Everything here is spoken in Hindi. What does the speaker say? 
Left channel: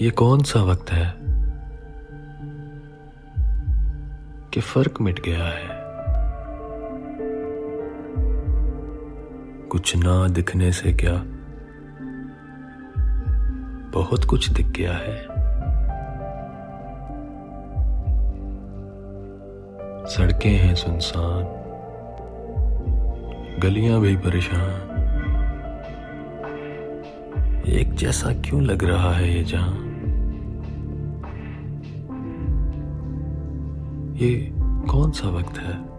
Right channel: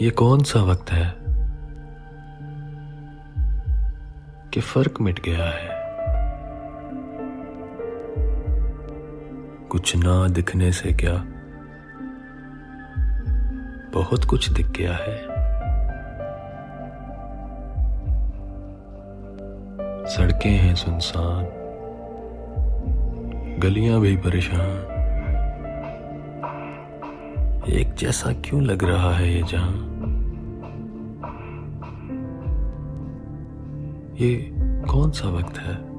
ये कौन सा वक्त है कि फर्क मिट गया है। कुछ ना दिखने से क्या बहुत कुछ दिख गया है। सड़कें हैं सुनसान, गलियां भी परेशान। एक जैसा क्यों लग रहा है ये जहां। ये कौन सा वक्त है